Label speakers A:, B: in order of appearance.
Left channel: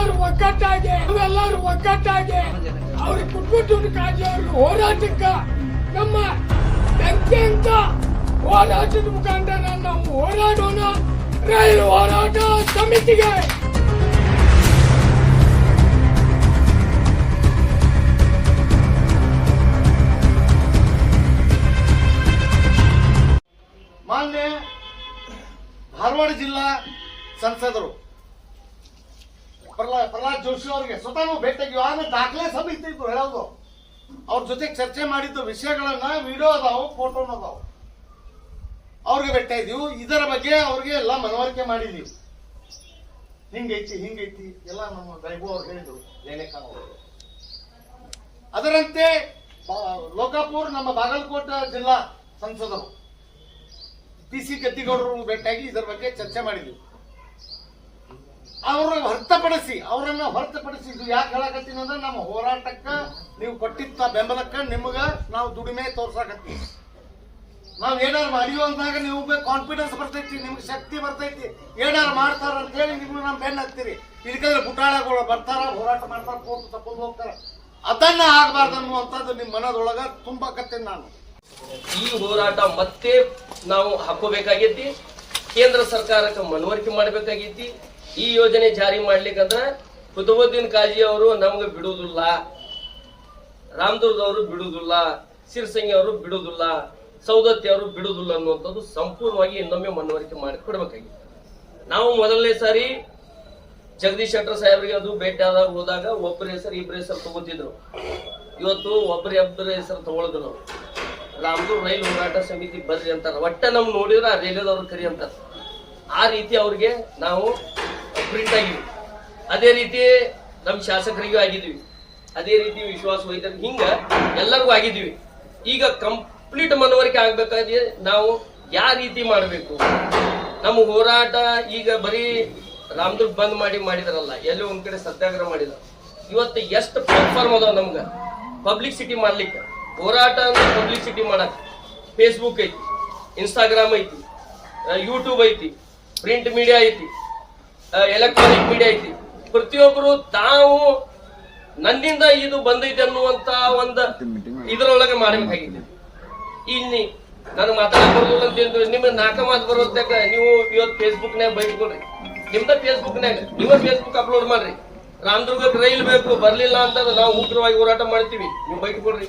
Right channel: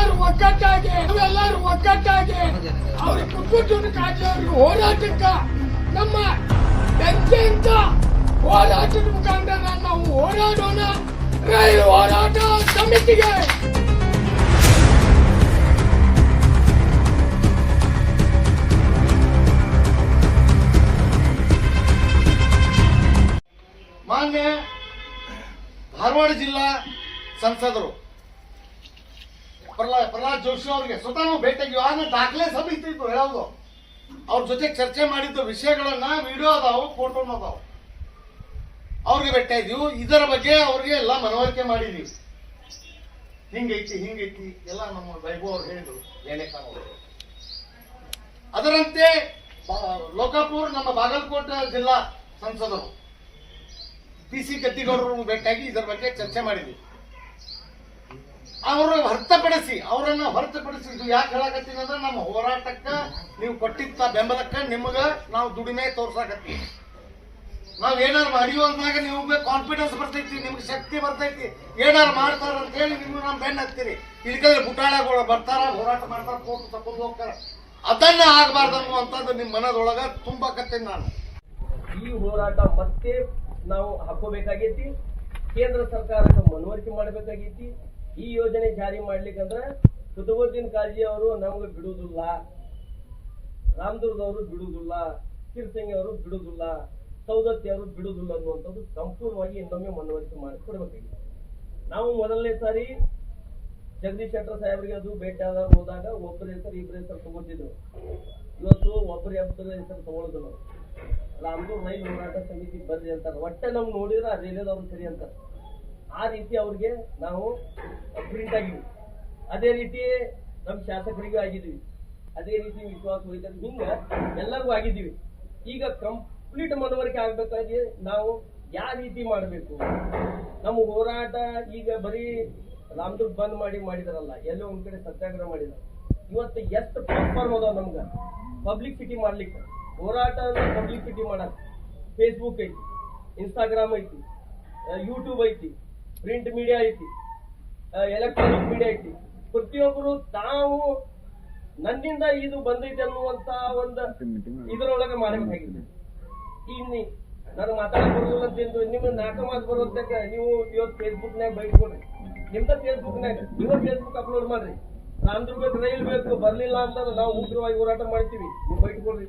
A: ನಾವೆಲ್ಲರೂ ಒಗ್ಗಟ್ಟಾಗಿ ನಾವೆಲ್ಲರೂ ಒಗ್ಗಟ್ಟಾಗಿ. ಅವ್ರಿಗೆ ಕುಟುಂಬ ಕಾಜಿ ಅವ್ರಿಗೆ ಹೋರಾಟಕ್ಕ ನಮ್ಮ ಬೆಂಕಿಯಿಂದ ಹೋರಾಟದ ಮುಖಾಂತರ ನಾವು ಹೋರಾಡೋಣ. ರೈಲು ಹೋರಾಟ ಸಮಿತಿಗೆ.
B: ಮಾನ್ಯ ಧಾರವಾಡ ಜಿಲ್ಲಾ ಸಂಸದರು ಪ್ರಹ್ಲಾದ್ ಪ್ರಹ್ಲಾದ್ ಜೋಶಿ ಅವ್ರಿಗೆ ಸ್ವತಃ ನಾವು ಭೇಟಿಯಾಗಿ ಆದ್ರೆ ದಾಖಲೆ ಸಮಿತಿ ಇತ್ತು ಹೇಳೋದು. ಅವ್ರ ಜೊತೆ ಚರ್ಚೆ ಮಾಡಿದ್ದ ವಿಷಯಗಳನ್ನ ವಿಡಿಯೋ ಅದಾವು ಫೋಟೋನು ಅದಾವು. ಅವ್ರಿಗೆ ಭೇಟಿಯಾಗಿದ್ದೀವಿ ಇದರ ಬಗ್ಗೆ ಅವ್ರಿಗೆ ಎಲ್ಲ ಮನವರಿಕೆ ಮಾಡಿದೀವಿ. ಹಿಂಗೈತಿ ಹಿಂಗೈತಿ. ಎಲ್ಲ ನಮ್ಮ ವೈಭವ್ ಅವ್ರು ಹೇಳಿದ್ರು. ಲೇಲೆಖಾನ್ ಅವರು ಅದರಂತೆ ಲೋಕಾಪುರ್, ನಮ್ಮ ಬಾಗಲಕೋಟೆ ಜಿಲ್ಲಾ ಸಂಸದರು. ಪಿ ಸಿ ಗದ್ದಿಗೌಡರು ಭೇಟಿಯಾಗಿ ಇದರ ಬಗ್ಗೆ ಚರ್ಚೆ ಮಾಡಿದ್ವಿ. ಅವರು ಹೊರತುಪಡಿಸಿ, ಅವರನ್ನ ಹೊರತುಪಡಿಸಿ ಇದು ಯಾಕೆ ಹೇಳಕತ್ತೀನಿ ಅಂದ್ರೆ ನಮ್ಮ ಹೋರಾಟಕ್ಕ ನೀವು ಕೊಟ್ಟಿದ್ದ ಬೆಂಬಲಕ್ಕ ನಿಮ್ಗೆ ನಾವು ದುಡಿಮೆ ತೋರ್ಸಾಕತ್ತೀವಿ. ನಾವ್ ಏನಾರು ಮಾಡಿವು ಅಂದಾಗ ನಿಮ್ಗೆ ಕಾನ್ಫಿಡೆನ್ಸ್ ಬರ್ತೈತಿ, ನಿಮ್ಗೆ ಶಕ್ತಿ ಬರ್ತೈತಿ. ಏನಾರು ಮಾಡ್ತಾರ ಅಂತ ಹೇಳಿ ನಿಮ್ಗೆ ನಮ್ಮ ಬೆನ್ನ ಹಾಕ್ತೀರಿ. ಇದಕ್ಕಂದ್ರೆ ಬುಟಾಳಗಳು ಬರ್ತಾರ, ಹೋರಾಟ ಮಾಡ್ತಾರ ಫೋಟೋ ತಕೊಂಡು ಹೋಗ್ತಾರ. ಅದನ್ನ ಆಗ್ಬಾರ್ದು ಅನ್ನುವಂಥದ್ದು ನಿಮ್ಮ ಮನದೊಳಗ ತುಂಬಾಕತ್ತೀನಿ ನಾನು.
C: ಈ ಹೋರಾಟ ಮತ್ತೆ ನಾವು ಹಾಕೋಬೇಕಾಗೈತಿ. ಕೇಂದ್ರ ಸರ್ಕಾರಕ್ಕೆ ಮನವರಿಕೆ ಮಾಡಬೇಕಾಗೈತಿ. ಈ ಯೋಜನೆ ಜಾರಿ ಮಾಡ್ಲಿಕ್ಕಂದ್ರ ಕುತುಬುದ್ದೀನ್ ಕಾಜಿ ಅವರು ನಮ್ಗೆ ಬಿಡುವುದಿಲ್ಲ, ರಾಮದುರ್ಗ ಅವರು ಬಿಡುವುದಿಲ್ಲ, ಸಿರ್ಸಂಗಿ ಅವರು ಬಿಡುವುದಿಲ್ಲ ಸೌದತ್ತಿ ಅವರು ಬಿಡುವುದಿಲ್ಲ ಅನ್ನುವಂಥದ್ದು ಸಂಪೂರ್ಣವಾಗಿ ಇನ್ನೊಮ್ಮೆ ಮನವರಿಕೆ ಮಾಡಿ ಕೊಡ್ಬೇಕಾಗಿತ್ತು ನಾವು ಮೊದಲನೇ ಸಾರಿ ಜಗದೀಶ್ ಶೆಟ್ಟರ್ ಸಾಹೇಬ್ರಿಗೆ ಅದು ಭೇಟಿ ಆದಾಗ ಹೋದಾಗ ಒಬ್ಬರ ಹೆಸರು ಇಬ್ಬರ ಹೆಸರು ತಗೋತಿದ್ರು. ಇವತ್ತು ಒಬ್ಬರ, ಇಬ್ಬರ ಹೆಸರು ತಗೊಳ್ದು ನಾವು ರಾಮದೂರ್ ರೈಲು ಹೋರಾಟ ಸಮಿತಿ ಬರ್ರಿ ಅಂತಾರೆ. ಒಟ್ಟ ನಮ್ಗೆ ನೋಡಿದ್ರೆ ಆ ರೈಲ್ವೆದವ್ರು ಕರಿ ಅಂತಾರೆ. ಆ ರೀತಿ ಅವ್ರಿಗೆ ನಾವು ಪ್ರಿಂಟ್ ಆಗಿದ್ವಿ ಅದೇ ರೀತಿ ನಮ್ಮ ಶಾಸಕರಿಗೂ ಆಗಿದ್ವಿ ಅದೇ ರೀತಿ ವಿಶ್ವಾಸ ಹೋಯ್ತಾರೆ ಹಿಂಗ ಎಲ್ಲರಿಗೂ ಆಗಿದ್ವಿ ಈಗ ಕಂಪ್ಲೀಟ್ ಮನವರಿಕೆ ಆಗ್ಬೇಕಾದ್ರೆ ನಾವು ಯಾವ ರೀತಿ ಮಾಡಬೇಕು? ನಮ್ಮ ಹೋರಾಟ ಈಗ ಬರೀ ರಾಮದುರ್ಗ್ ಬಂದ್ ಮಾಡಿ ಮಾಡಿದಾರಲ್ಲ, ಎಲ್ಲೋ ಒಂದ್ ಕಡೆ ಸತ್ಯಾಗ್ರಹ ಮಾಡಿದ್ರು ಇವತ್ತು ಎಷ್ಟು ಪ್ಲಾಟ್ಫಾರ್ಮ್ ಅದಾವ ನಮ್ಗ? ಪಬ್ಲಿಸಿಟಿ ಮಾಡ್ಲಿಕ್ಕೆ. ಹೋರಾಟ ಅಂದ್ರೆ ಪಬ್ಲಿಸಿಟಿ ಮಾಡಕ್. ಫೇಸ್ಬುಕ್ ಐತಿ ಇನ್ಸ್ಟಾಗ್ರಾಮ್ ಐತಿ ಯೂಟ್ಯೂಬ್ ಐತಿ ಪ್ರಿಂಟ್ ಮೀಡಿಯಾ ಐತಿ. ಎಲೆಕ್ಟ್ರಾನಿಕ್ ಮೀಡಿಯಾ ಐತಿ. ಪ್ರತಿಯೊಬ್ಬರು ತಾವು ನನ್ನಿಂದ ಇದು ಬಂದೈತೆ ಅನ್ನುವಂತ ಒಂದು ಇದರೊಳಗೆ ಮಾಡಬೇಕಾಗಿದೆ ಇಲ್ಲಿ ನಾನು ಮಾತಾಡಕ್ ಅಂತ ಹೇಳಿದ್ರೆ ನಿಮ್ಗೆ ನಾಲ್ಕ ಮಾತು ಬರೋದಕ್ಕ ನೀವು ಇವತ್ತು ಫೇಸ್ಬುಕ್ನಾಗ ಬೈಸ್ಕೊಡ್ರಿ ನಿಮ್ದ ಫೇಸ್ಬುಕ್ನಾಗ ನೀವ ಫೇಸ್ಬುಕ್ ಅಪ್ಲೋಡ್ ಮಾಡ್ರಿ. ರಾಮದುರ್ಗಕ್ಕೆ ರೈಲ್ ಬೇಕು, ಬರ್ಲಿಲ್ಲ ಅಂತ ನಾವು ಉಗ್ರವಾಗಿ ಹೋರಾಟ ಮಾಡ್ತೀವಿ. ನೀವು ಬೈಟ್ಕೊಳ್ರಿ